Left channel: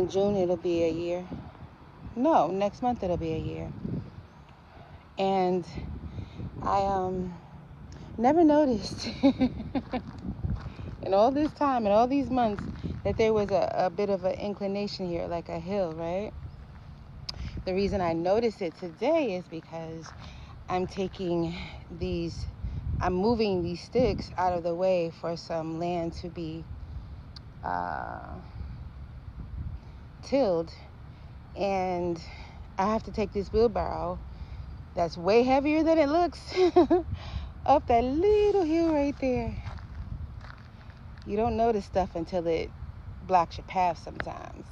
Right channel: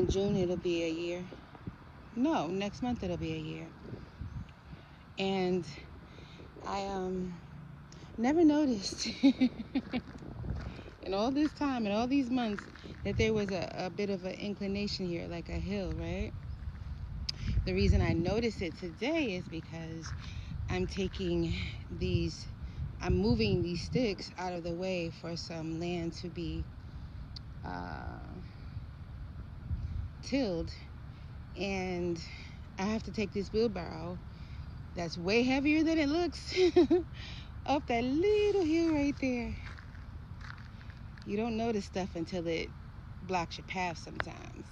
In June it'll be a year. No, next month it'll be a year. And I never noticed in all this time and all these months that there was a bit of an inclination here, like a hill, right? The reason I noticed it today is because I'm moving these sticks out of the way for some land to be tilled, and I have to take this wheelbarrow that's way heavier than it looks up that little hill right there. You don't notice stuff until it blocks your path sometimes.